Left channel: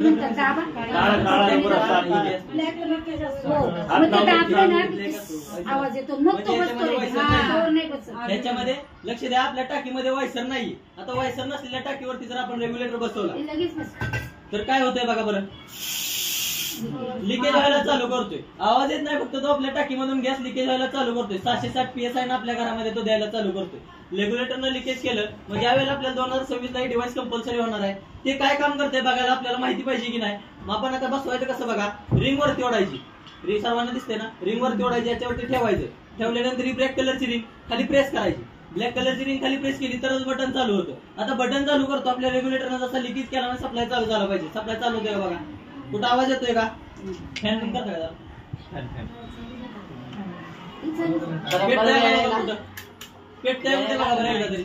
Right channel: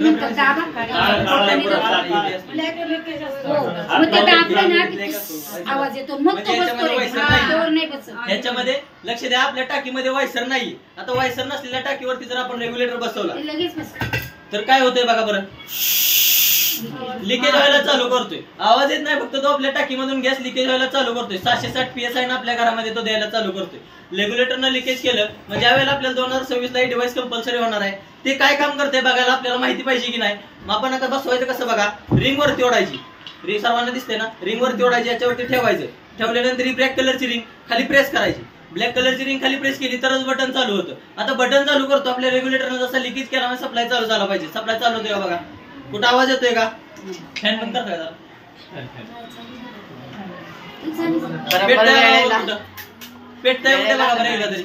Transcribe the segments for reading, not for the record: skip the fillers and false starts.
मग ते दाबलं ना आवाज येतो, मग तो ह्याच्यामध्ये लक्ष द्या, आपल्या टाकीमध्ये वायसर नाही. आता वायसर नसलेल्या टाकीवरती जर आपण रेग्युलेटर बसवला तर काय होतंय बघा बरं, लिकेज व्हायला चालू करतोय. आवाज येत नाही, फक्त तो आपल्या टाकीमधून गॅस लिकेज व्हायला चालू करतोय. 760 PSI आपल्या घरामध्ये तो द्यायला चालू करतोय. रेग्युलेटरनं लिकेज केलं म्हणजे ज्यावेळेला आपल्याला 2026 ला डिव्हाइस कंपल्सरी होणार आहे, ते काय काम करते बघायला आपल्याला माहिती पाहिजे की नाही. मग आपण आता बसवायचं कसं बघा, रिंग वरती ओढायची, रिंग सर्वांना दिसते ना, रिंग वरती ओढायची, याच्यावरती ठेवायचं. ठेवल्यानंतर ही ब्लॅक कलरची रिंग खाली प्रेस करायची. ब्लॅक कलरची रिंग खाली प्रेस केली तरच बटन चालू होतं. आता बटन चालू करतो आपल्या रेग्युलेटरनं जसा लिकेज केला म्हणजे सप्लाय चालू झाला पाहिजे. सप्लाय चालू होतोय बघा, कुठं आवाज येतोय का, फॅन बंद करताय का, पेटताय बघा बरं एकदा तरी.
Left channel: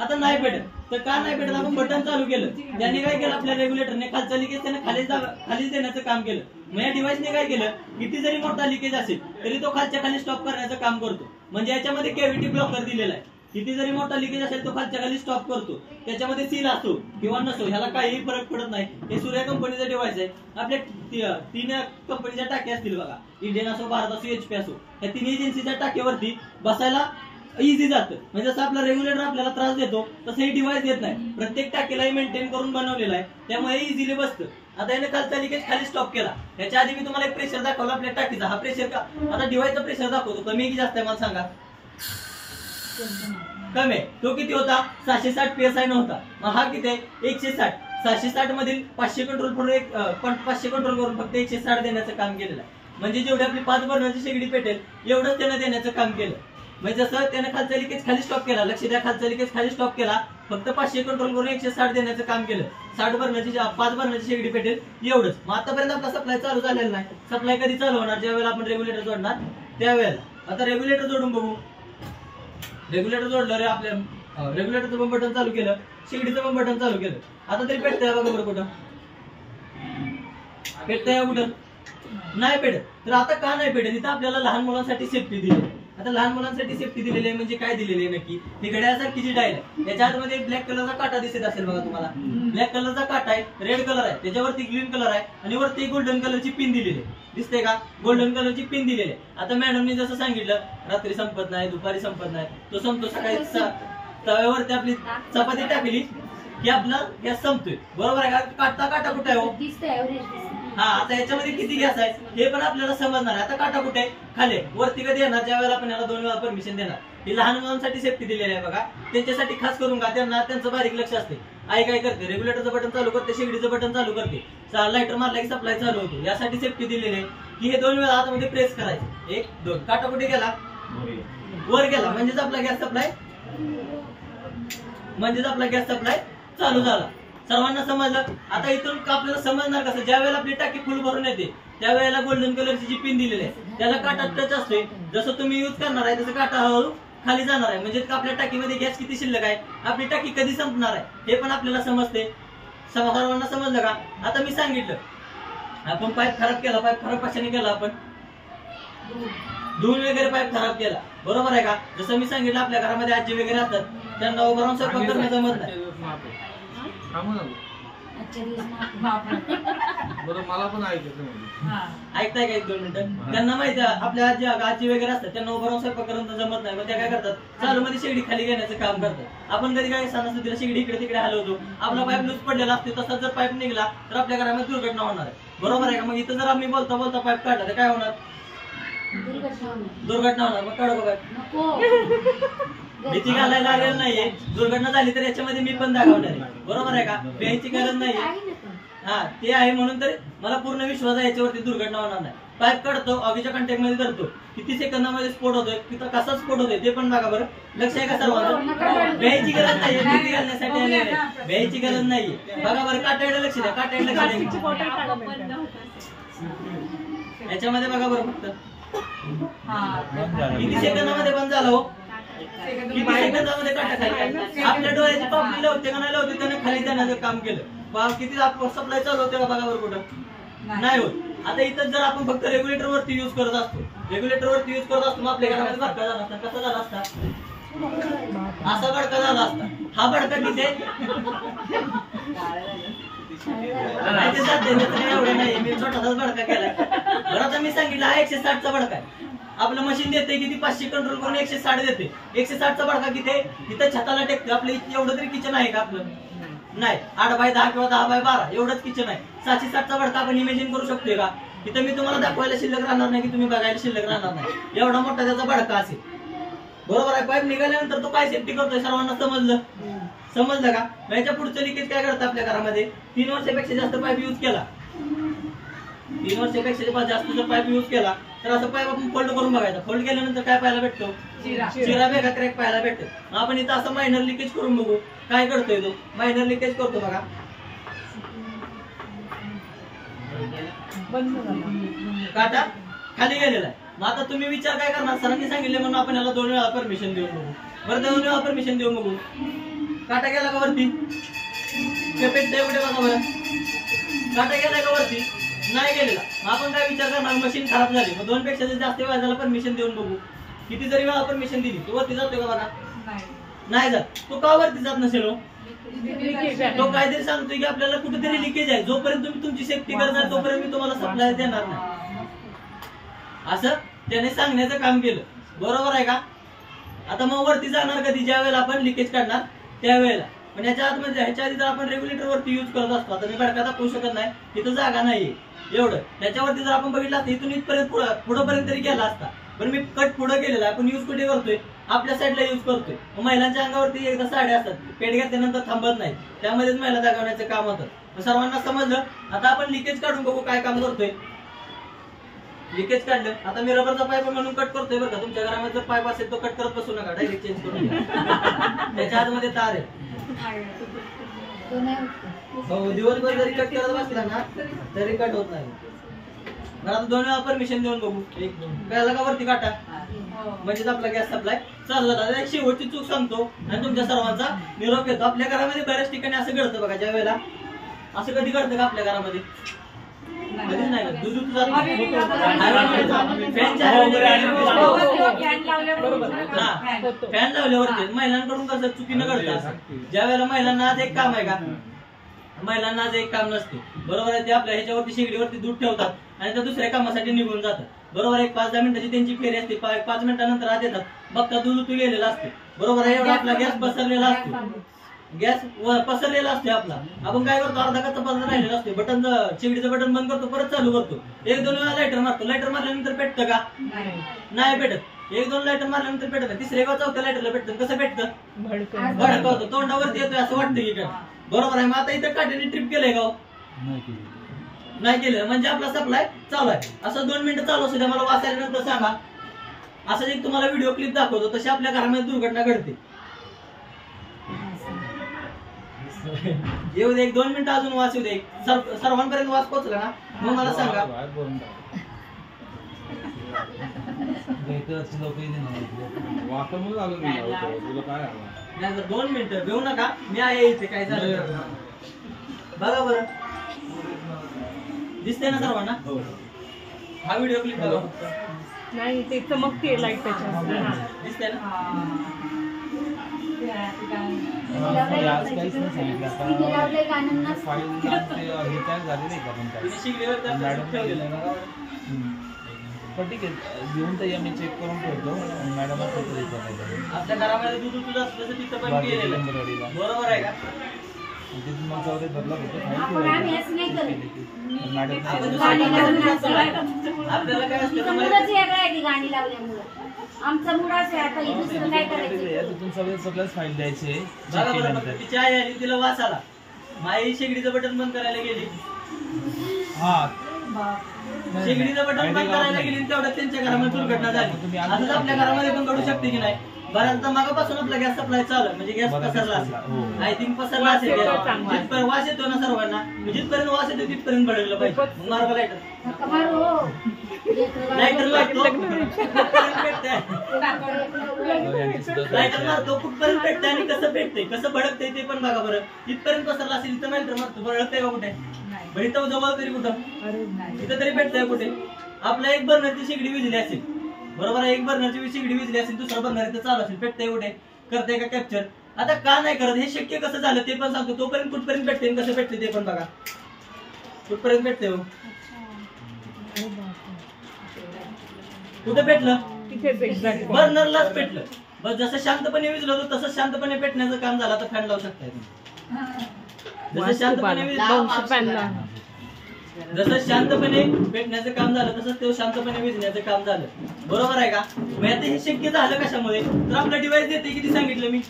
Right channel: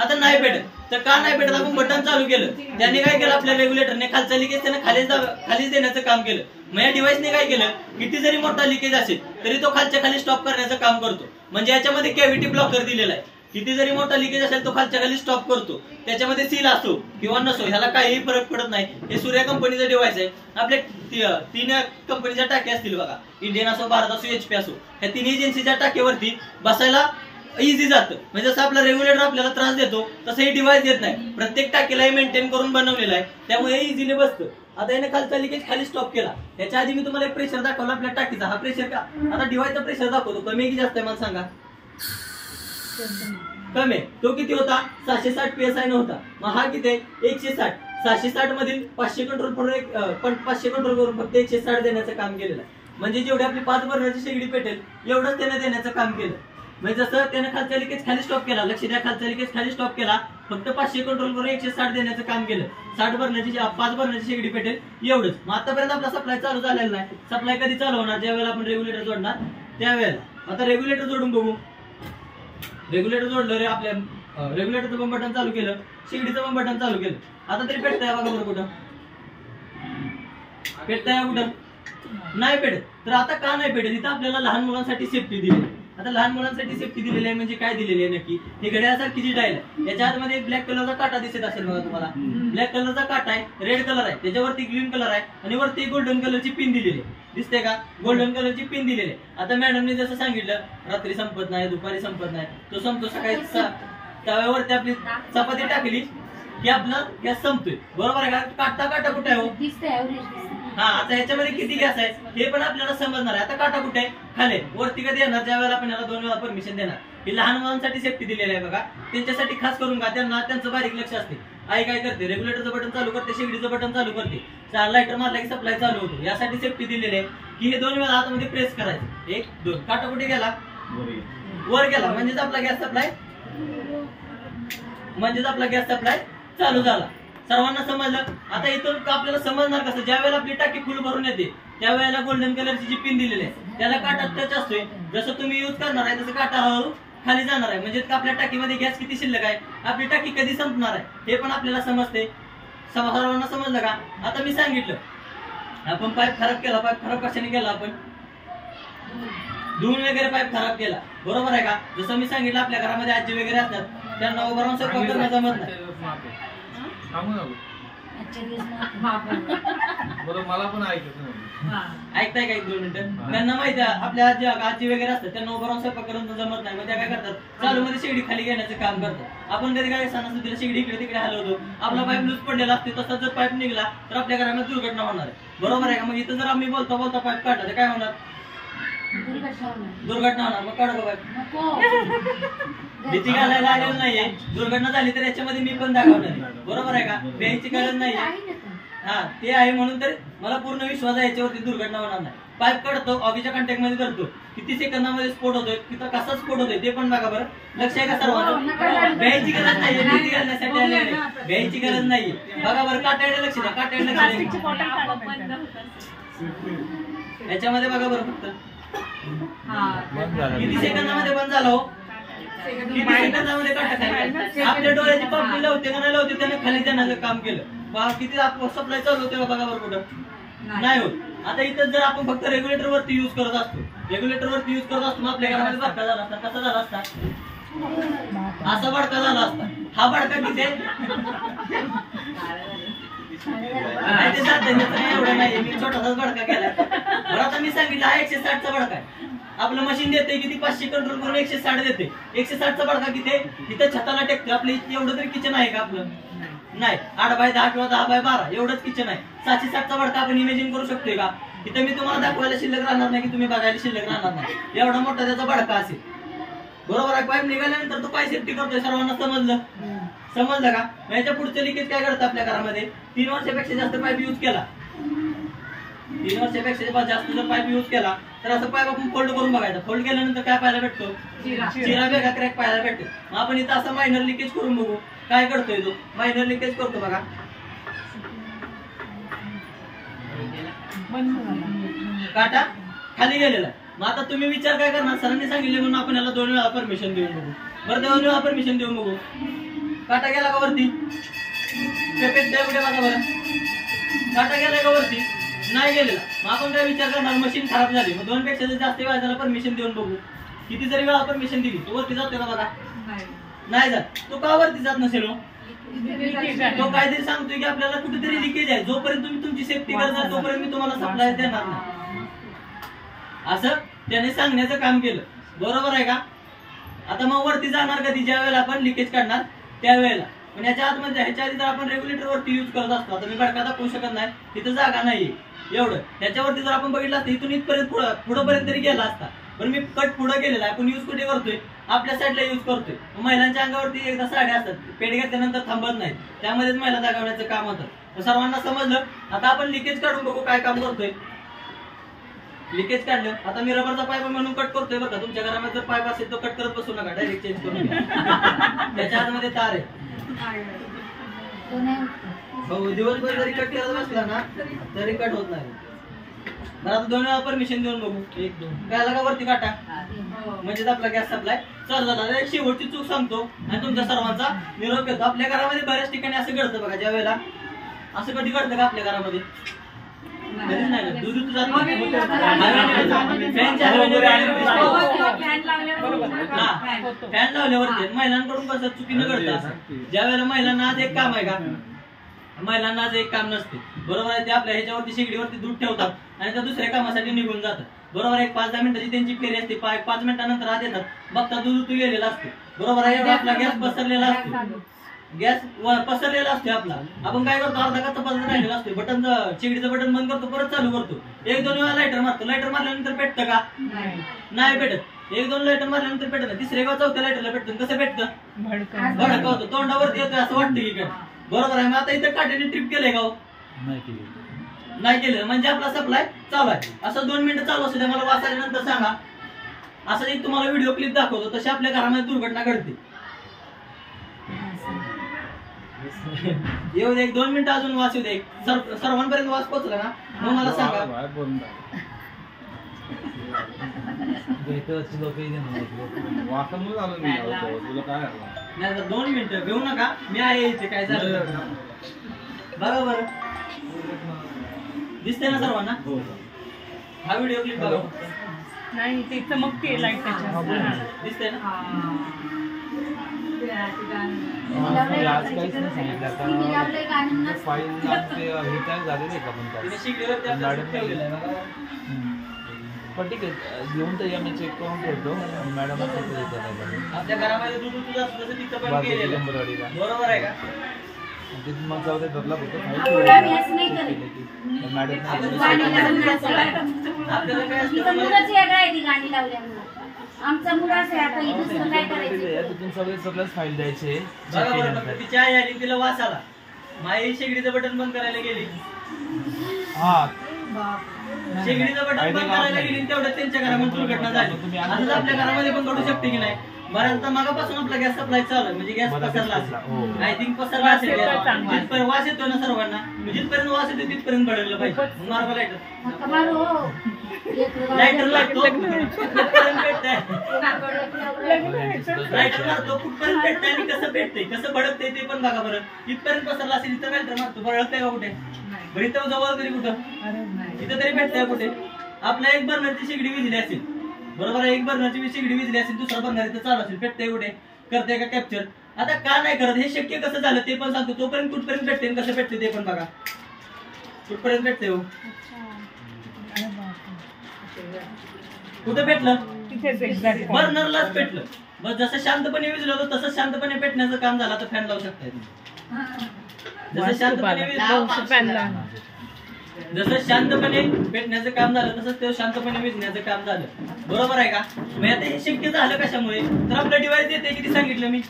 आता नाही पेटत तर का नाही पेटत, आपण बटन चालू केलं, त्याने काय केलं आपल्या रेग्युलेटरने खालचा लिकेज त्याने खालीच देण्याचं काम केलं. मग या डिव्हाइसने काय केलं, किती जरी मोठा लिकेज असेल तरी तो खालच्या खाली स्टॉप करण्याचं काम करतो. म्हणजे याच्यामध्ये कॅव्हिटी ब्लॉकर दिलेला आहे. किती जरी मोठा लिकेज असेल तो खालच्या खाली स्टॉप करतो. त्याच्यामध्ये सील असो किंवा नसो ह्याला काहीही फरक पडत नाही. हे सूर्य कंपनीचं डिव्हाइस आहे. आपल्या 3 कंपनीच्या टाक्या असतील बघा, इंडियन असो, भारत असो, HP असो, ह्या 3 एजन्सीच्या टाक्यावरती बसायला इझी जातं. म्हणजे जसं आपला रेग्युलेटर आपल्याला त्रास देतो तसं हे डिव्हाइस देत नाही. प्रत्येक टाकीला मेंटेन करून बनवलेलं आहे, त्यामुळे इझिली बसतं. आता याने खालचा लिकेज खाली स्टॉप केला. त्याच्या आधी मी तुम्हाला एक प्रेशर दाखवला आपल्या टाकीचा. हा प्रेशर का, आता डिव्हाइसचा प्रेशर दाखवतो, कमी की जास्त आहे मला सांगा. कमी आहे. तो किती होता, 760 PSI नव्हता. मग हा किती आहे, 160. 760 मधील 500 कंट्रोल करून 500 कंट्रोल करून फक्त 160 देण्याचं काम केलेलं आहे. म्हणजे जेवढी आपली 5 बर्नरची शेगडी पेटेल एवढंच त्याने देण्याचं काम केलं. म्हणजे जसं त्याने खालचा लिकेज खाली स्टॉप केला, लक्ष द्या, खालचा लिकेज खाली स्टॉप केला, फक्त 500 कंट्रोल करून 160 देण्याचं काम केलं. 5 बर्नरची शेगडी पेटेल एवढंच. मग आतापर्यंत आपला सप्लाय चालू झालेला नाही. सप्लाय कधी चालू होणार, ज्यावेळेला आपण रेग्युलेटर जोडणार त्यावेळेला. आता रेग्युलेटर जोडून बघू. रेग्युलेटर जोडलं रे, आपल्या रेग्युलेटरचं पण बटन चालू केलं, शेगडीचं पण बटन चालू केलं. आता तरी पेटतंय बघा बरं, कुठं पेटतंय, कुठं नाही पेटत. तर आता का नाही पेटत, इथं आपल्याला लहान मुलांसाठी सेफ्टी दिली. आता लहान मुलांसाठी सेफ्टी दिलेली आहे म्हणजे काय दिलेली आहे नक्की, ही घड्याळासारखी जी डायल आहे त्याच्या आतमध्ये ब्लॅक कलरचा काटा दिसत असेल बघा तुम्हाला. ब्लॅक कलरचा काटा आहे, रेड कलर आहे, त्याच्यावरती ग्रीन कलर आहे आणि वरती गोल्डन कलरची पिन दिलेली आहे. दिसते का, गोल्डन कलरची पिन दिलेली आहे. आता मॅडमने जसं सांगितलं, रात्री संपत नाही, दुपारी संपत नाही, तो संपतो सकाळी. तव्यावरती आपली चपाती टाकली की आपला गॅस संपतोय, बरोबर आहे का. काटा कुठे आहे हो, हा. आता याच्यामध्ये किती गॅस आहे हे पण आपल्याला समजणार आहे. आता काटा कुठे आहे, खाली. वरती कधी येणार, ज्या वेळेला आपण याला 2 वेळा परमिशन देणार. ही लहान मुलांसाठी सेफ्टी दिलेली आहे बघा, त्यांच्यासाठी खास करून का, त्यांचं बारीक लक्ष असते. आई काय करते, रेग्युलेटरचं बटन चालू करते, शेगडीचं बटन चालू करते, लायटर मारला की सप्लाय चालू होतो. यासाठी सेफ्टी दिलेली आहे की हे 2 वेळा हातामध्ये प्रेस करायचं. 1 2, काटा कुठे गेला, वर गेला, म्हणजेच आपला गॅस सप्लाय चालू झाला. सर्वांना समजलं. आता इथून आपल्याला समजणार कसं, ज्या वेळेला आपली टाकी फुल भरून येते त्यावेळेला गोल्डन कलरची जी पिन दिलेली आहे त्याला काटा टच असतोय. जसं तुम्ही युज करणार आहे तसं काटा हळूहळू खाली जाणार आहे. म्हणजे आपल्या टाकीमध्ये गॅस किती शिल्लक आहे, आपली टाकी कधी संपणार आहे हे पण आपल्याला समजते. सर्वांना समजलं का. आता मी सांगितलं, आपण पाईप खराब केला, पाईप खराब कशाने केला, आपण धुवून वगैरे पाईप खराब केला, बरोबर आहे का. जसं मी सांगितलं, आपल्या घरामध्ये आजी वगैरे असतात, त्यांना उभं राहून स्वयंपाक करणं जमत नाही. मला पण ऐकताय का, 1-2 मिनिटं. त्यांना माहिती आहे, आपल्या आजी वगैरे असतात, त्यांना उभं राहून स्वयंपाक करणं जमत नाही. मग त्या काय करतात, चालू मध्ये शेगडी खाली घेण्याचं काम करतात. आपण कधी काय सणासुदीला शेगडी इकडे तिकडे हलवतो, आपला पाईप लूज पडलेला असते, तसा जर पाईप निघला तर आपल्या घरामध्ये दुर्घटना होणार आहे, बरोबर आहे का. मग इथं जर आम्ही बोलता बोलता पाईप काढला तर काय होणार, दुर्घटना होणार. मग काढू का पाईप, भीती घालायला आलेलं नाहीये. दुर्घटना झाली तर याच्यामध्ये मी पण दाखवणार आहे, बरोबर आहे का. भ्यायची गरज नाही. हा, ते आहे म्हणून तर मला पूर्ण विश्वास आहे याच्यावरती दुर्घटना होणार नाही. पाईप काढतो, आगीच्या कॉन्टॅक्ट मध्ये धरतो, किती सेकंदामध्ये स्फोट होतोय, किती कसा स्फोट होतोय ते पण बघा बरं. लक्ष आहे का सर्वांना. भ्यायची गरज नाहीये, भीती घालण्यासाठी आले नाही, भ्यायची गरज नाहीये. बघा बरं, काट्याकडे लक्ष द्या, काट्याकडे लक्ष द्या. याच्यामध्ये बघा बरं, फक्त किती सेकंदामध्ये बंद झाला हो, किती सेकंदामध्ये काटा खाली. आपल्या डोळ्याची पापणी लावते का नाही लावते त्याने खाली जाण्याचं काम केलं. किती सप्लाय चालू होते का बघा बरं, कुठं नाही होत. आता इथं जर आपण फक्त रेग्युलेटर वरती युज करत असतो, मग आपल्या घरामध्ये भडका झाला असता. कसा झाला असता, असा भडका झाला असता. हा भडका किती नाही ते जाते एवढं नाही, मी छोटासाच भडका केला. बरं आता मी सांगितलं हा 160चा भडका आहे. आपलं मशीन देते किती 500 कंट्रोल करून 160 देते. 160चा भडका किती आहे तिथं छताला टेकते. आपलं एवढं तरी किचन आहे का आपलं? नाही. 8x10 किंवा 10x12 एवढंच किचन आहे. 760चा भडका आपण इमेजिन करू शकतोय का? इथं मी तुम्हाला दाखवायला शिल्लक राहणार नाही की तुम्ही बघायला शिल्लक राहणार नाही. एवढा मोठा त्याचा भडका असेल. बरोबर आहे. पाईप निघाल्यानंतर तो काय सेफ्टी करतोय सर्वांना समजलं का? याच्या पुढचं लिकेज काय करतं आपल्या घरामध्ये? 3 वर्षापेक्षा जास्त पाईप युज केला, 3 वर्षापेक्षा जास्त जर पाईप युज केला तर असं पाईप आपण फोल्ड करून बघायचा. फोल्ड केल्यानंतर काय पाहायला भेटतो? चिरा बेगा क्रॅक पाहायला भेटतो. मग आपण इथं असं मायनर लिकेज करून बघू काय करतोय तो. मायनर लिकेज करतो बघा, काटा खाली गेलेला आहे. मग आता तुम्ही विचार काय करणार? सरांनी सांगितले म्हणून आपण याला 2 वेळा परमिशन देऊन बघू. बरं 2 वेळा परमिशन देऊन बघू. काटा गेला का वरती? पेट द्या कुठे बघा बरं. काटा गेलाय का वरती? नाही गेलेला. मग आपण काय विचार करणार? मशीन खराब झाली. मग 2 पेक्षा जास्त वेळा त्याला परमिशन देऊन बघू. किती जरी वेळा परमिशन दिली तो वरती जातोय का बघा? नाही जात. तो का वरती जात नसेल? तो काहीतरी सांगतोय की आपल्याला कुठेतरी लिकेज आहे. जोपर्यंत तुम्ही तुमची सेफ्टी करणार तोपर्यंत मी तुम्हाला सप्लाय देणार नाही, असं त्याने सांगण्याचं काम केलं. बरोबर आहे का? आता मग वरती जाणार कधी? ज्या वेळेला आपण लिकेज काढणार त्यावेळेला. पण याच्या आतमध्ये ह्याच्या आधी जर आपण रेग्युलेटर वरती युज करत असतो तर मी भडका दाखवू शकत नाही, तिथं जागा नाहीये एवढं. ह्याच्यावरती जर आपण बघितलं असतं इथून इथपर्यंत पुढेपर्यंत तरी गेला असता. पण मी कट पुढे गेलेला आहे. आपण युज कुठे करतोय? आपल्या साईडला युज करतोय. महिलांच्या अंगावरती एकदा साड्या असतात, पेट घेतल्यानंतर थांबत नाहीत, त्यामध्येच महिला दाखवण्याचं काम होतं. सर्वांना समजलं. आता आपण लिकेज काढून बघू काय काम करतोय. लिकेज काढलं. आता मी रबरचा पाईप म्हणून कट करतोय बरं का. तुमच्या घरामध्ये जर पाईप असेल तो कट करत बसू नका, डायरेक्ट चेंज करून घ्या. त्याच्या आतमध्ये तार आहे. हो, दिवसभर जरी कट करत बसला ना तरी कट होत नाही. आता 2 वेळा परमिशन देऊन बघू. 1 2 काय का वरती काटा म्हणजे आपला गॅस सप्लाय चालू झाला. एक शेवटची चूक सांगतो आणि तुमच्या सर्वांचा निरोप घेतो. आपल्या घरामध्ये बऱ्याच ठिकाणी असं घडतं बघा. ज्या वेळेला असं कधी घडतं का आपल्या घरामध्ये? कधीच नाही. दूध फॅन लावल्यावरती महिलांकडून कसं चुकीनं घडतं. ज्या वेळेला महिलांना आज एक काम आहे का? महिलांना आज एक काम नसते. बरोबर आहे. ते आपल्या ह्याच्यावरती शेगडीवरती दूध ठेवतात आणि त्या दुसऱ्या कामासाठी निघून जातात. बरोबर आहे. 5-10 मिनिटाची त्यांची फेरी असते. 5 मिनिटानंतर आत येतात, बघता दूध उतू गेलेला असते. बरोबर आहे. एवढा आपला गॅस पसरलेला असतो. गॅस पसरलेला असतो आपला. आपण काय करतो? अर्धा कच्चा पसरला राहिलेला असतो. बटन शेगडीचं बटन बंद करतो, परत चालू करतो. 1-2 वेळा लायटर मारतो. लायटर मारल्यानंतर पेटतं का? नाही पेटत. 1-2 लायटर मारल्यानंतर पेटत नाही. 3ऱ्या किंवा 4थ्या लायटरला पेटतं. कसं पेटतं? भडका होतो. तोंडावरती येतोय असं वाटतं की काय? बरोबर आहे. मग आता इथं काट्याने ट्रिप केलंय का? नाही केलं. म्हणजे आपला सप्लाय चालू आहे. असं 2 मिनिटं चालू असू द्या. मला वास आल्यानंतर सांगा. असं एक तुम्हाला व्हिडिओ क्लिप दाखवतो. तशी आपल्या घरामध्ये दुर्घटना घडते. येऊ दे 1-2 मिनिटं अजून वास येऊ दे. सर्वांपर्यंत वास पोहोचला ना मग मला सांगा. नाही 2 मिनिटं घेऊ नका. मी आहे इथे. काय झालं बघा बरं. दिसतंय ना सर्वांना? हा व्हिडिओ क्लिप बघा. नाही ते चमकते लाईट त्याच्या. दिसतंय ना? आज काहीच नाही सांगितलं आता. फाईल हे काय झाले नाही का? पण ठीक आहे, घेऊन तर या मी चेक करून ठेवतो. मॅडम आपल्या घरामध्ये दूध दूध असतं तसं तिथं पण केलेलं. बरोबर आहे का? मग जाऊ दे धरला होतं आपल्याला काय तिथून सगळ्याच फाईल द्यायचे. तिची आई आली, तिला वास आला. माई शेगडीचं बटन बंद करायला गेली. हा शेगडीचं बटन बंद करायला गेली तेवढ्यात त्यांच्या घरामध्ये दुर्घटना झाली. असंच आपल्या घरामध्ये पण घडू शकते की नाही? बऱ्याचदा मागापासून आपला गॅस सप्लाय चालू आहे म्हणजे गॅस पसरला असेल. आय थिंक पसरला असेल. जिथपर्यंत वास येतो ना सर्वांना, जिथपर्यंत वास येतो तिथपर्यंत बदललं पाहिजे. मार्ग लायटर लागतो लायटर मारतो कुठपर्यंत पेटतंय आणि कसं पेटतंय कसं भडकतंय ते पण बघा बरं. इथपर्यंत पसरला असेल इथं लायटर मारतो भडकतंय का कुठे? बरं इथं जवळ तरी कुठं इथं तरी पेटतंय कुठे? आपल्या 1 बर्नरची शेगडी विजली असेल. बरोबर आहे. 1 बर्नरची शेगडी विजली असेल, दुसरा बर्नर इथं चालू असेल, पेटतंय कुठे? करते का कॅप्चर? आता का नाही करत हे शक्य कसं झालं ते पण सांगतो. तोपर्यंत कुठपर्यंत पेटते कसं पेटते ते पण बघा. कुठपर्यंत भेटते हो? अरे बापरे. कुठं भेटलं? तिथेच एक्झॅक्ट बर्नरलाच भेटलं. बस जसं शांतपणे विजलं होतं तसं शांतपणे पेटण्याचं काम झालं. आता फॅन लावू शकताय तुम्ही. जसं शांतपणे जसं शांतपणे पेटण्याचं काम झालं तसंच ते शांतपणे विजण्याचं काम झालं. बरोबर आहे का? मग आता हे शक्य झालं कशामुळे? तर आपलं डिव्हाइस देते किती सांगितलं मी?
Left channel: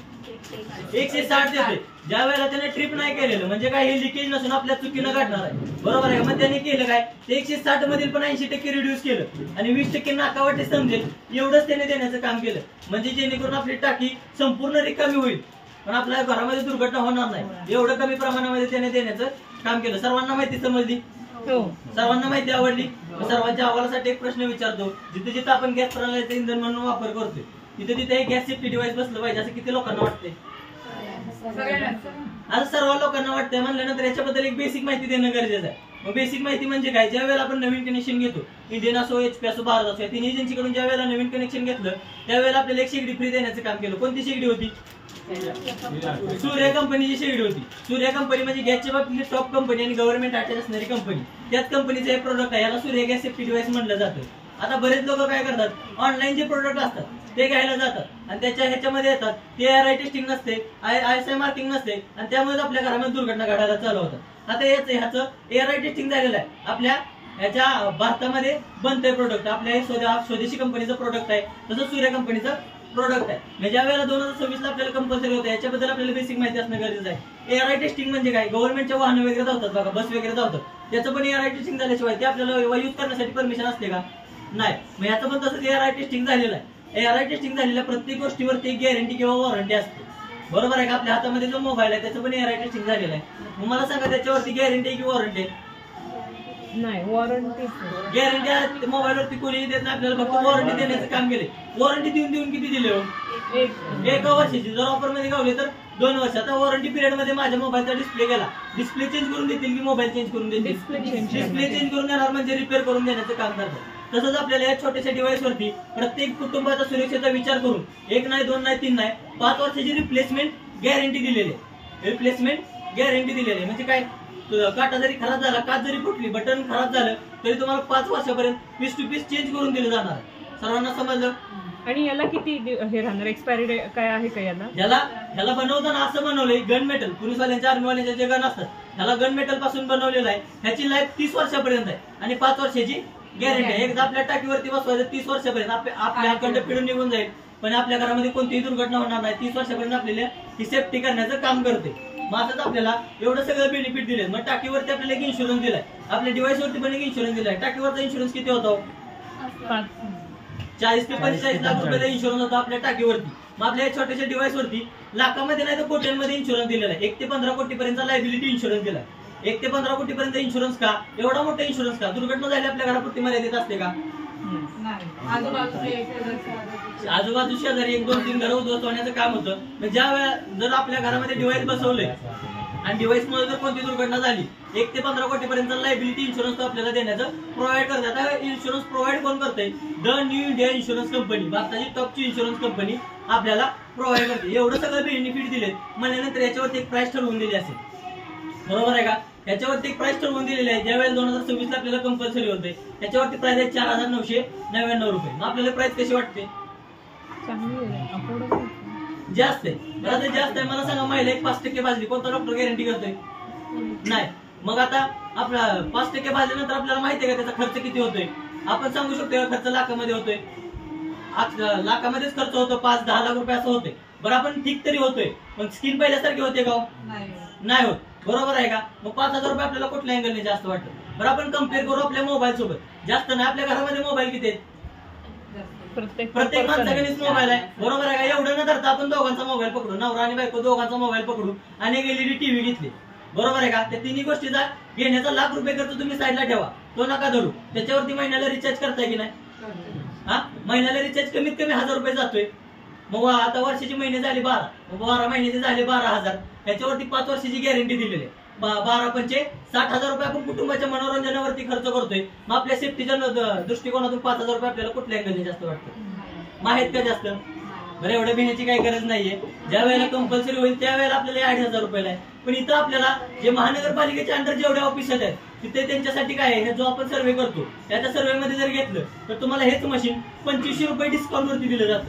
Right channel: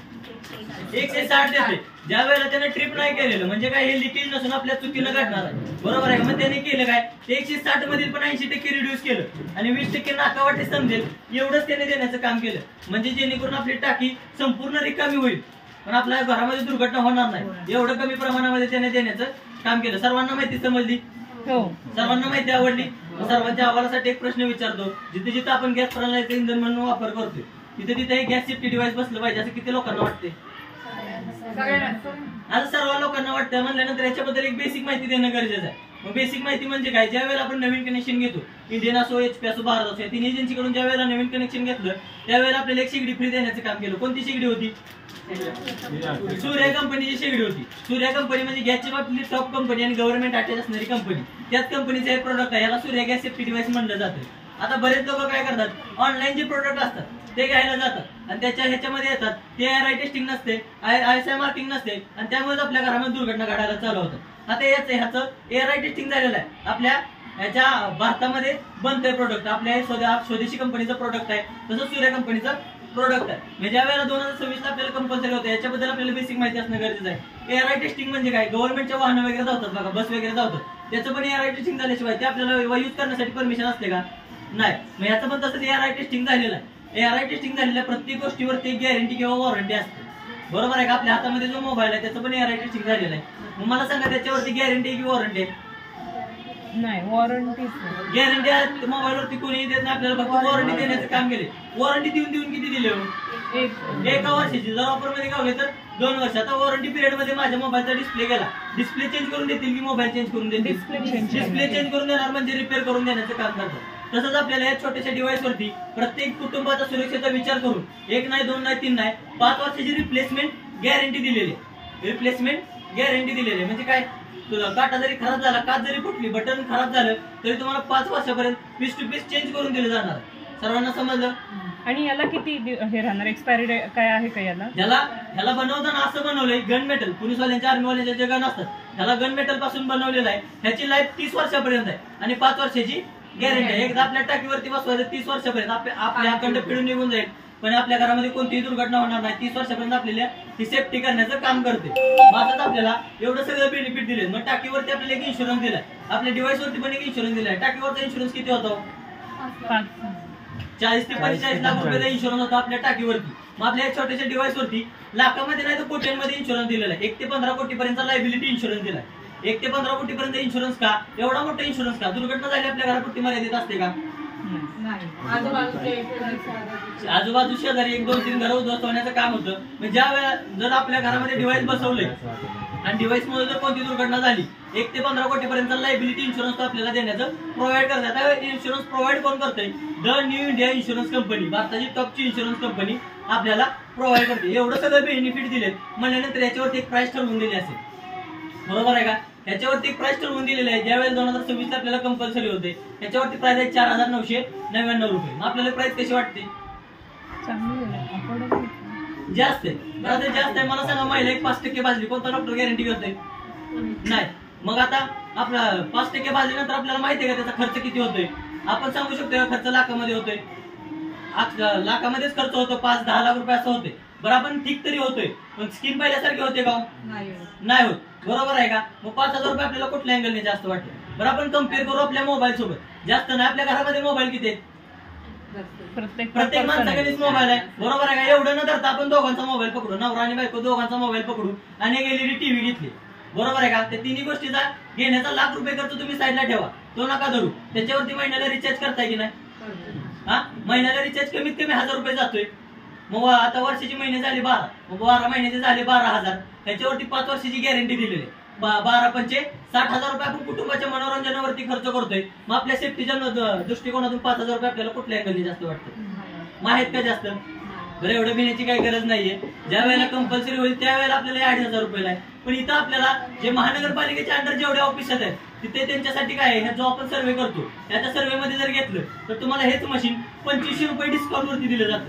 160 देते. ज्या वेळेला त्याने ट्रिप नाही केलेलं म्हणजे काय हे लिकेज नसून आपल्या चुकीनं घडणार आहे. बरोबर आहे का? मग त्याने केलं काय? ते 160 मधील पण 80% रिड्यूस केलं आणि 20% नाकावाटे समजेल एवढंच त्याने देण्याचं काम केलं. म्हणजे जेणेकरून आपली टाकी संपूर्ण रिकामी होईल पण आपल्या घरामध्ये दुर्घटना होणार नाही. एवढं कमी प्रमाणामध्ये त्याने देण्याचं काम केलं. सर्वांना माहिती समजली? सर्वांना माहिती आवडली? सर्वांच्या अहवालासाठी एक प्रश्न विचारतो. जिथे जिथे आपण गॅस प्रणालीचा इंधन म्हणून वापर करतोय तिथे तिथे गॅस सेफ्टी डिव्हाइस बसलं पाहिजे असं किती लोकांना वाटते? आता सर्व लोकांना वाटतं म्हणल्यानंतर याच्याबद्दल एक बेसिक माहिती देणं गरजेचं आहे. मग बेसिक माहिती म्हणजे काय? ज्या वेळेला आपण नवीन कनेक्शन घेतो, इंडियन असो, HP असो, भारत असो, या तिन्ही एजन्सीकडून ज्या वेळेला नवीन कनेक्शन घेतलं त्यावेळेला आपल्याला एक शेगडी फ्री देण्याचं काम केलं. कोणती शेगडी होती? सूर्य कंपनीची शेगडी होती. सूर्य कंपनी म्हणजे गॅसच्या बाबतीत टॉप कंपनी आणि गव्हर्नमेंट अटॅच असणारी कंपनी. त्याच कंपनीचं हे प्रोडक्ट आहे. याला सूर्य गॅस सेफ्टी डिव्हाइस म्हणलं जातं. आता बरेच लोक काय करतात? ऑनलाईन जे प्रोडक्ट असतात ते घ्यायला जातात आणि त्याच्या ह्याच्यामध्ये येतात ते ARI टेस्टिंग नसते, ISI मार्किंग नसते आणि त्यामुळे आपल्या घरामध्ये दुर्घटना घडायला चालू होतात. आता ह्याचं ARI टेस्टिंग झालेलं आहे. आपल्या ह्याच्या भारतामध्ये बनतंय प्रोडक्ट. आपल्या स्वदेशी कंपनीचं प्रोडक्ट आहे. तसं सूर्य कंपनीचं प्रोडक्ट आहे. म्हणजे ज्या वेळेला 2026 ला आपल्याला कंपल्सरी होतं याच्याबद्दल आपल्याला बेसिक माहिती असणं गरजेचं आहे. ARI टेस्टिंग म्हणजे काय? गव्हर्नमेंटच्या वाहन वगैरे धावतात बघा, बस वगैरे धावतात, त्याचं पण ARI टेस्टिंग झाल्याशिवाय ते आपल्याला यूज करण्यासाठी परमिशन असते का? नाही. मग याचं पण तसंच ARI टेस्टिंग झालेलं आहे. ARI टेस्टिंग झालेल्या प्रत्येक गोष्टीवरती गॅरंटी किंवा वॉरंटी असते. बरोबर आहे का? आपल्या हातामध्ये जो मोबाईल आहे त्याचं पण ARI टेस्टिंग झालेलं आहे. मग मला सांगा त्याच्यावरती गॅरंटी की वॉरंटी आहे? नाही, वॉरंटी. गॅरंटी मोबाईलवरती कोणी देत नाही आपल्याला, फक्त वॉरंटी देण्याचं काम केले. वॉरंटी देऊन किती दिले हो? 1 वर्षाची. जर ऑफर मध्ये गावले तर 2 वर्ष. आता वॉरंटी पिरियड मध्ये माझ्या मोबाईलचा डिस्प्ले गेला, डिस्प्ले चेंज करून देतील की मोबाईल चेंज करून देतील? डिस्प्ले चेंज करून देणार म्हणजे रिपेअर करून देण्याचं काम करतात. तसंच आपल्याला या छोट्याशा डिव्हाइस वरती प्रत्येक कुटुंबाचा सुरक्षेचा विचार करून 1 नाही, 2 नाही, 3 नाही, 5 वर्षाची रिप्लेसमेंट गॅरंटी दिलेली आहे. रिप्लेसमेंट गॅरंटी दिलेली आहे म्हणजे काय? काटा जरी खराब झाला, काच जरी फुटली, बटन खराब झालं तरी तुम्हाला 5 वर्षापर्यंत पीस टू पीस चेंज करून दिलं जाणार. सर्वांना समजलं? आणि याला किती हे राहणार? एक्सपायरी डेट काय आहे का याला? ह्याला बनवताना असं बनवलंय, गन मेटल, पोलीसवाल्यांच्या आर्मीवाल्यांच्या जे गन असतात ह्याला गन मेटल पासून बनवलेलं आहे. ह्याची लाईफ 30 वर्षापर्यंत आहे आणि 5 वर्षाची गॅरंटी आहे. एकदा आपल्या टाकीवरती बसवायचं 30 वर्षापर्यंत आपल्या अखंड पिढून निघून जाईल पण आपल्या घरामध्ये कोणतीही दुर्घटना होणार नाही. 30 वर्षापर्यंत आपल्याला ही सेफ्टी करण्याचं काम करते. माझं आपल्याला एवढं सगळं बेनिफिट दिले. मग टाकीवरती आपल्याला एक इन्शुरन्स दिलाय, आपल्या डिव्हाइस वरती पण एक इन्शुरन्स दिलाय. टाकीवरचा इन्शुरन्स किती होतो? 40 ते 45 लाख रुपयाचा इन्शुरन्स होता आपल्या टाकीवरती. मग आपल्या छोट्याशा डिव्हाइस वरती लाखामध्ये नाही तर कोट्यांमध्ये इन्शुरन्स दिलेला आहे. 1 ते 15 कोटीपर्यंत लायबिलिटी इन्शुरन्स दिलाय. 1 ते 15 कोटीपर्यंत इन्शुरन्स का? एवढा मोठा इन्शुरन्स का? दुर्घटना झाली आपल्या घरापुरती मर्यादित असते का? आजूबाजू शेजारी 1-2-3 घरं उद्ध्वस्त होण्याचं काम होतं. म्हणजे ज्या वेळा जर आपल्या घरामध्ये डिव्हाइस बसवले आणि डिव्हाइस मुळे जर कोणती दुर्घटना झाली 1 ते 15 कोटीपर्यंत लायबिलिटी इन्शुरन्स आपल्याला देण्याचं प्रोव्हाइड करतात. इन्शुरन्स प्रोव्हाइड कोण करते? The new India insurance company, भारताची टॉपची इन्शुरन्स कंपनी आपल्याला प्रोव्हाइड करते. एवढं सगळं बेनिफिट दिले म्हणल्यानंतर याच्यावरती एक प्राइस ठरवून दिली असेल. बरोबर आहे का? याच्यावरती एक प्राइस ठरवून दिलेली आहे. ज्यावेळेस 2026 ला आपल्याला कंपल्सरी होते त्याच्यावरती प्राइस आहे 4,999 रुपये. मग आपल्याला प्राइस कशी वाटते? जास्त आहे. जास्त आहे. मला सांगा महिला एक 5% भाजली कोणता डॉक्टर गॅरंटी करतोय? नाही. मग आता आपला 5% भाजल्यानंतर आपल्याला माहिती आहे का त्याचा खर्च किती होतोय? आपण सांगू शकतो खर्च लाखामध्ये होतोय? लाखामध्येच खर्च होतो. 5-10 लाख रुपये असं होते. बरं आपण ठीक तरी होतोय पण स्कीम पहिल्यासारखी होते का? नाही होत. बरोबर आहे का? मग 5,000 रुपये आपल्याला कुठल्या अँगलने जास्त वाटतं? बरं आपण कम्पेअर करू आपल्या मोबाईल सोबत. जास्त नाही. आपल्या घरामध्ये मोबाईल किती आहेत? प्रत्येक माणसाकडेच मोबाईल आहे. बरोबर आहे का? एवढं न धरता आपण दोघांचा मोबाईल पकडू, नवरा आणि बायको दोघांचा मोबाईल पकडू आणि एक LED टीव्ही घेतली. बरोबर आहे का? त्या तिन्ही गोष्टीचा घेण्याचा लाख रुपये खर्च तुम्ही साईडला ठेवा, तो नका धरू. त्याच्यावरती महिन्याला रिचार्ज करताय की नाही? महिन्याला रिचार्ज कमीत कमी 1,000 रुपये जातोय. मग आता वर्षाचे महिने झाले 12, मग 12 महिन्याचे झाले 12,000. ह्याच्यावरती 5 वर्षाची गॅरंटी दिलेली आहे. 12-5 60,000 रुपये आपण कुटुंबाच्या मनोरंजनावरती खर्च करतोय. मग आपल्या सेफ्टीच्या दृष्टिकोनातून 5,000 रुपये आपल्याला कुठल्या अँगलने जास्त वाटतं? माहित का जास्त? बरं एवढं भिण्याची काही गरज नाहीये. ज्या वेळेला कंपल्सरी होईल त्यावेळेला आपल्याला 8,000 रुपयाला आहे. पण इथं आपल्याला जे महानगरपालिकेच्या अंडर जेवढे ऑफिस आहेत तिथे त्यांच्यासाठी काय आहे, जो आपण सर्वे करतो त्याच्या सर्वे मध्ये जर घेतलं तर तुम्हाला हेच मशीन 2500 रुपये डिस्काउंट वरती दिलं जातं.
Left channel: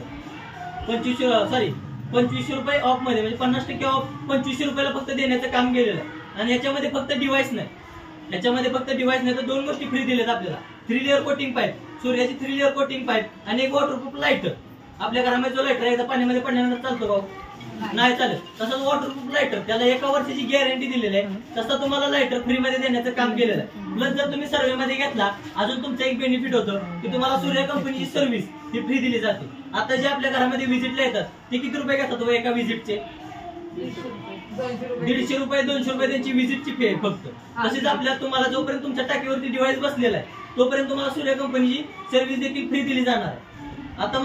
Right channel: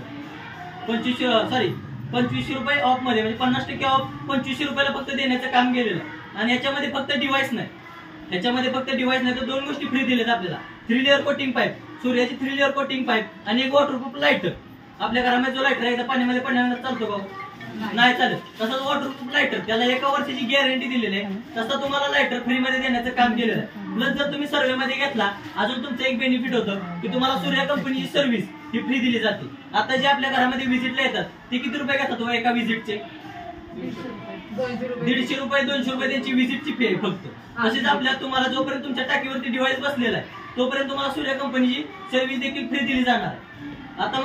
2500 रुपये ऑफ मध्ये, म्हणजे 50% ऑफ 2500 रुपयाला फक्त देण्याचं काम केलेलं आहे. आणि याच्यामध्ये फक्त डिव्हाइस नाही, तर दोन गोष्टी फ्री दिल्यात आपल्याला. 3 लेअर कोटिंग पाईप, सूर्याची 3 लेअर कोटिंग पाईप आणि एक वॉटरप्रूफ लाईटर. आपल्या घरामध्ये जो लाईटर एकदा पाण्यामध्ये पडल्यानंतर चालतो का? नाही चालत. तसंच वॉटरप्रूफ लाईटर, त्याला 1 वर्षाची गॅरंटी दिलेली आहे. तसं तुम्हाला लाईटर फ्री मध्ये देण्याचं काम केलेलं आहे. प्लस जर तुम्ही सर्वे मध्ये घेतला, अजून तुमचं एक बेनिफिट होतं की तुम्हाला सूर्या कंपनीची सर्व्हिस ही फ्री दिली जाते. आता जे आपल्या घरामध्ये व्हिजिटला येतात ते किती रुपये घेतात एका व्हिजिटचे? 150 रुपये 200 रुपये त्यांची व्हिजिटची फी आहे फक्त. तसेच आपल्या तुम्हाला जोपर्यंत तुमच्या टाकीवरती डिव्हाइस बसलेला आहे तोपर्यंत तुम्हाला सूर्या कंपनीची सर्व्हिस देखील फ्री दिली जाणार आहे. आता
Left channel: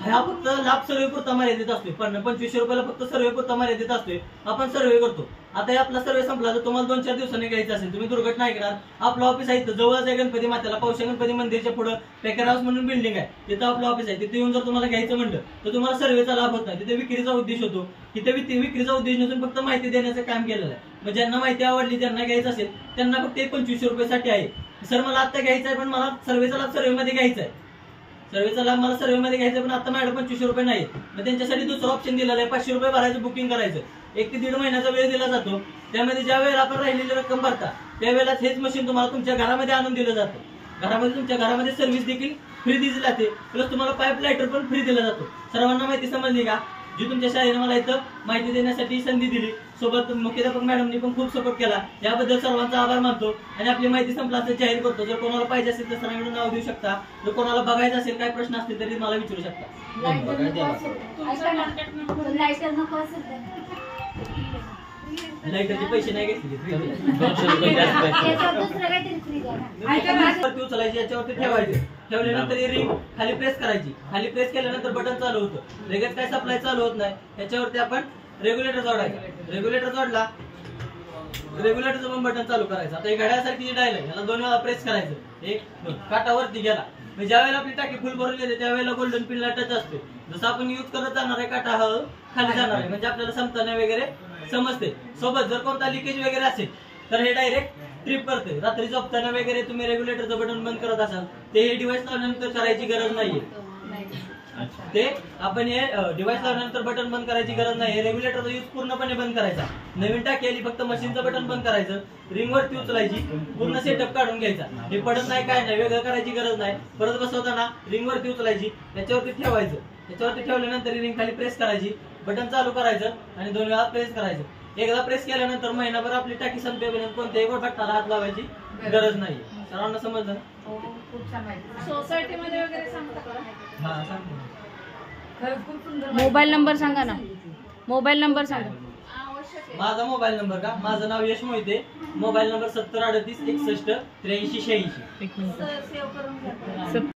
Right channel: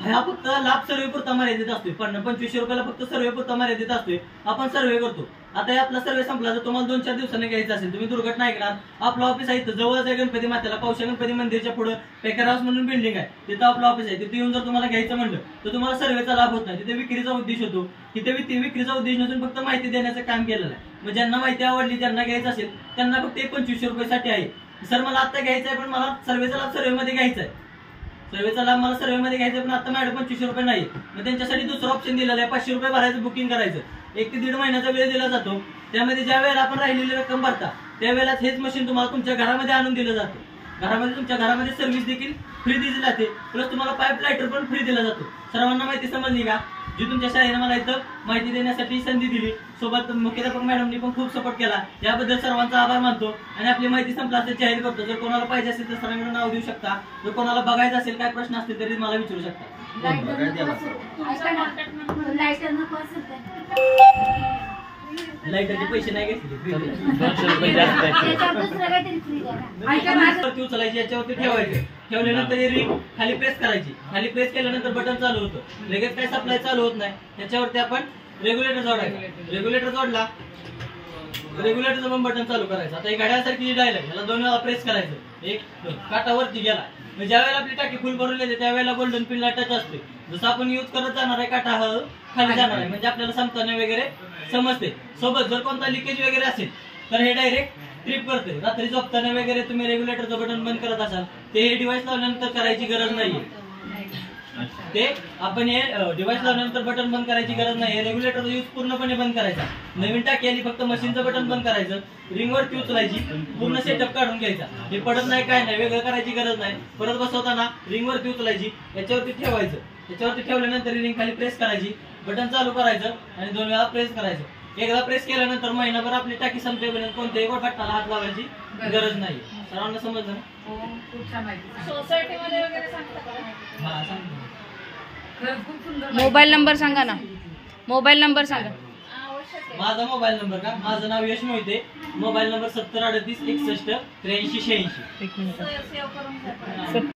हा फक्त लाभ सर्वे पुरता मर्यादित असतोय. 2500 रुपयाला फक्त सर्वे पुरता मर्यादित असतोय. आपण सर्वे करतो. आता आपला सर्वे संपला, जर तुम्हाला 2-4 दिवसांनी घ्यायचा असेल, तुम्ही दुर्घटना ऐकणार, आपलं ऑफिस आहे जवळच आहे गणपती मातेला, पौशा गणपती मंदिरच्या पुढे पेकर हाऊस म्हणून बिल्डिंग आहे, तिथं आपलं ऑफिस आहे. तिथे येऊन जर तुम्हाला घ्यायचं म्हणलं तर तुम्हाला सर्वेचा लाभ होत नाही. तिथे विक्रीचा उद्देश होतो. तिथे विक्रीचा उद्देश नसून फक्त माहिती देण्याचं काम केलेलं आहे. मग ज्यांना माहिती आवडली, ज्यांना घ्यायचं असेल त्यांना फक्त 2500 रुपयासाठी आहे. सर मला आता घ्यायचं आहे पण मला सर्वेचा लाभ सर्वेमध्ये घ्यायचा आहे, सर्वेचा लाभ मला सर्वेमध्ये घ्यायचा पण आता माझ्याकडे 2500 रुपये नाही. मग त्यांच्यासाठी दुसरं ऑप्शन दिलेलं आहे, 500 रुपये भरायचं, बुकिंग करायचं. 1 ते 1.5 महिन्याचा वेळ दिला जातो. त्यामध्ये ज्या वेळेला आपण राहिलेली रक्कम भरता त्यावेळेला हेच मशीन तुम्हाला तुमच्या घरामध्ये आणून दिलं जातं. तुमच्या घरामध्ये सर्व्हिस देखील फ्री दिली जाते. प्लस तुम्हाला पाईप लाईटर पण फ्री दिला जातो. सर्वांना माहिती समजली का? जी तुमच्या शाळेने मला इथं माहिती देण्यासाठी संधी दिली, सोबत मुख्याध्यापक मॅडमनी पण खूप सपोर्ट केला, याबद्दल सर्वांचा आभार मानतो. आणि आपली माहिती संपला असं जाहीर करतो. जर कोणाला पाहिजे असेल तर सरांकडून नाव देऊ शकता. जर कोणाला बघायचं असेल, काय प्रश्न असतील तरी मला विचारू शकता. लाईटरचे पैसे नाही घेतले, उचलायची, याच्यावरती ठेवायचे. ठेवल्यानंतर रिंग खाली प्रेस करायची. खाली प्रेस केल्यानंतर बटन चालू होतं. लगेच काय सप्लाय चालू होत नाही. त्याच्यावरती आपण रेग्युलेटर जोडायचं. रेग्युलेटर जोडला, रेग्युलेटरचं पण बटन चालू करायचं. आता एक घड्याळासारखी जी डायल आहे याला 2 वेळा प्रेस करायचं. 1 2 काटावरती गेला. ज्या वेळेला आपली टाकी फुल भरून येते त्यावेळेला गोल्डन पिनला टच असते. जसं आपण युज करत जाणार आहे, काटा खाली जाणार आहे, म्हणजे आपल्याला संपताना वगैरे समजते. सोबत जर कोणता लिकेज वगैरे असेल तर हे डायरेक्ट ट्रिप करते. रात्री झोपताना वगैरे तुम्ही रेग्युलेटरचं बटन बंद करत असाल ते हे डिव्हाइस लावल्यानंतर करायची गरज नाहीये. ते आपण हे डिव्हाइस लावल्यानंतर बटन बंद करायची गरज नाही. रेग्युलेटरचा यूज पूर्णपणे बंद करायचा. नवीन टाकी आली, फक्त मशीनचं बटन बंद करायचं, रिंगवरती उचलायची, पूर्ण सेटअप काढून घ्यायचा. हे पडत नाही, काय नाही, वेगळं करायची गरज नाही. परत बसवताना रिंगवरती उचलायची, त्याच्यावरती ठेवायचं. त्याच्यावरती ठेवल्यानंतर रिंग खाली प्रेस करायची, बटन चालू करायचं आणि 2 वेळा प्रेस करायचं. एकदा प्रेस केल्यानंतर महिनाभर आपली टाकी संपेपर्यंत कोणत्याही बटनाला हात लावायची गरज नाही. सर्वांना समजलं? सोसायटीमध्ये वगैरे सांगता का? हा सांगतो. मोबाईल नंबर सांगा ना, मोबाईल नंबर सांगा. माझा मोबाईल नंबर का? माझं नाव यश मोहिते. Mobile number 7038 61 83 86. एक मिनिट.